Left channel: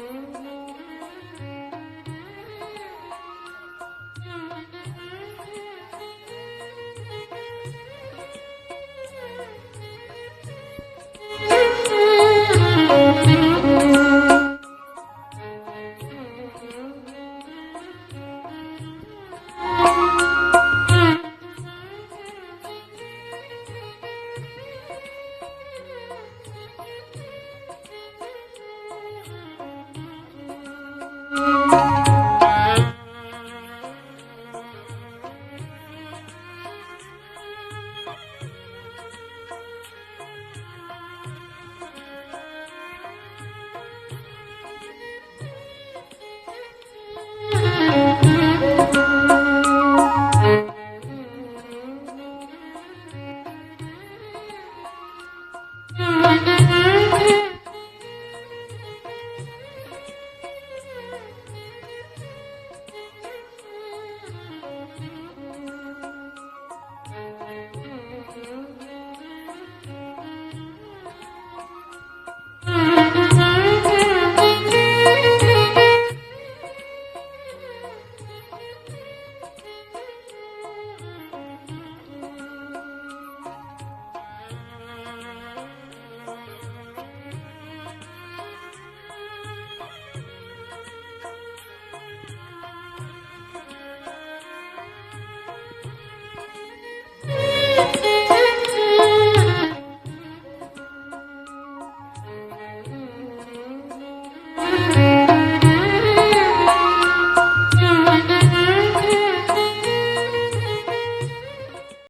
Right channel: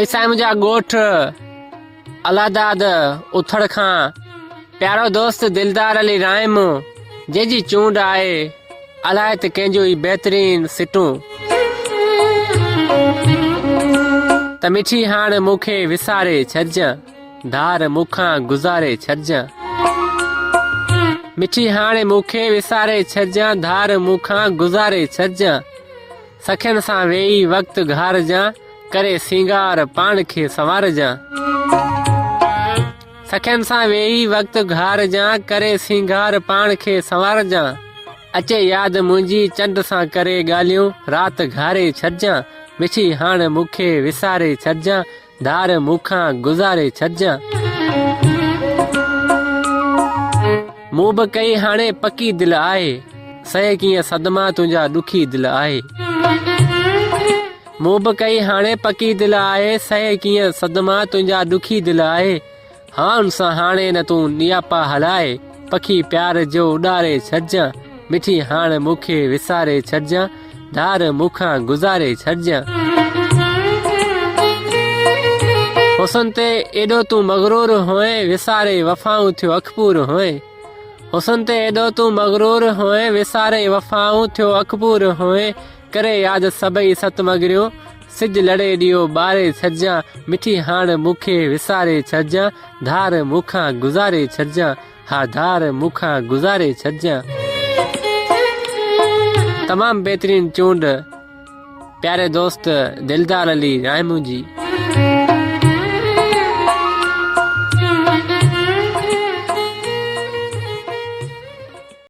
ऐसा मुझा गोठ अलादाद उथड़ खां प्यारो दोस्त दिलदार अली राइम जेजी चूंड आए अलाए त कंहिंजो ई बहितरीन सिटूं त मिठी हाण मूंखे विसारे छॾजां धार मूंखां गुज़ारे छॾजां मिठी हाणे मूंखे विसारे छॾजां धार मूंखां गुज़ारे छॾजां सखियुनि सां वेही वक़्तु घारजां करे सिंगार पाण खे संवारजां सखियुनि सां वेही वक़्तु घारजां करे सिंगार पाण खे संवारजां अचे यादि मुंहिंजी चंड सां करे ॻाल्हियूं राति घारे छॾजां मिठी हाणे मूंखे विसारे छॾजां धार मूंखां गुज़ारे छॾजां मूं बि कई हाणे पकी दिलि आहे सहे कीअं सदमा तुंहिंजा ॾुखी दिलि आहे मूं बि कई हाणे पकी दिलि आहे सहे कीअं सदमा तुंहिंजा ॾुखी दिलि आहे हाँ सां हाणे न तूं नियापा हलाए पखी प्यार जो उॾारे छॾजां मिठी हाणे मूंखे विसारे छॾजां धार मूंखां गुज़ारे छॾजां हुसन ते एॾो तूं मगरूर होए विसारे वफ़ाऊं थियो अखपूर होए हुसन ते एॾो तूं मगरूर होए विसारे वफ़ाऊं थियो अखपूर होए करे यादि सभई सत मगरियूं सिज लड़े ॾियो ॿारे छॾजां मिठी हाणे मूंखे विसारे छॾजां धार मूंखां गुज़ारे छॾजां हा धार मूंखां गुज़ारे छॾजां तमामु बहितरीन चूंड प्यारे दोस्त दिलदार अली राइमू जी।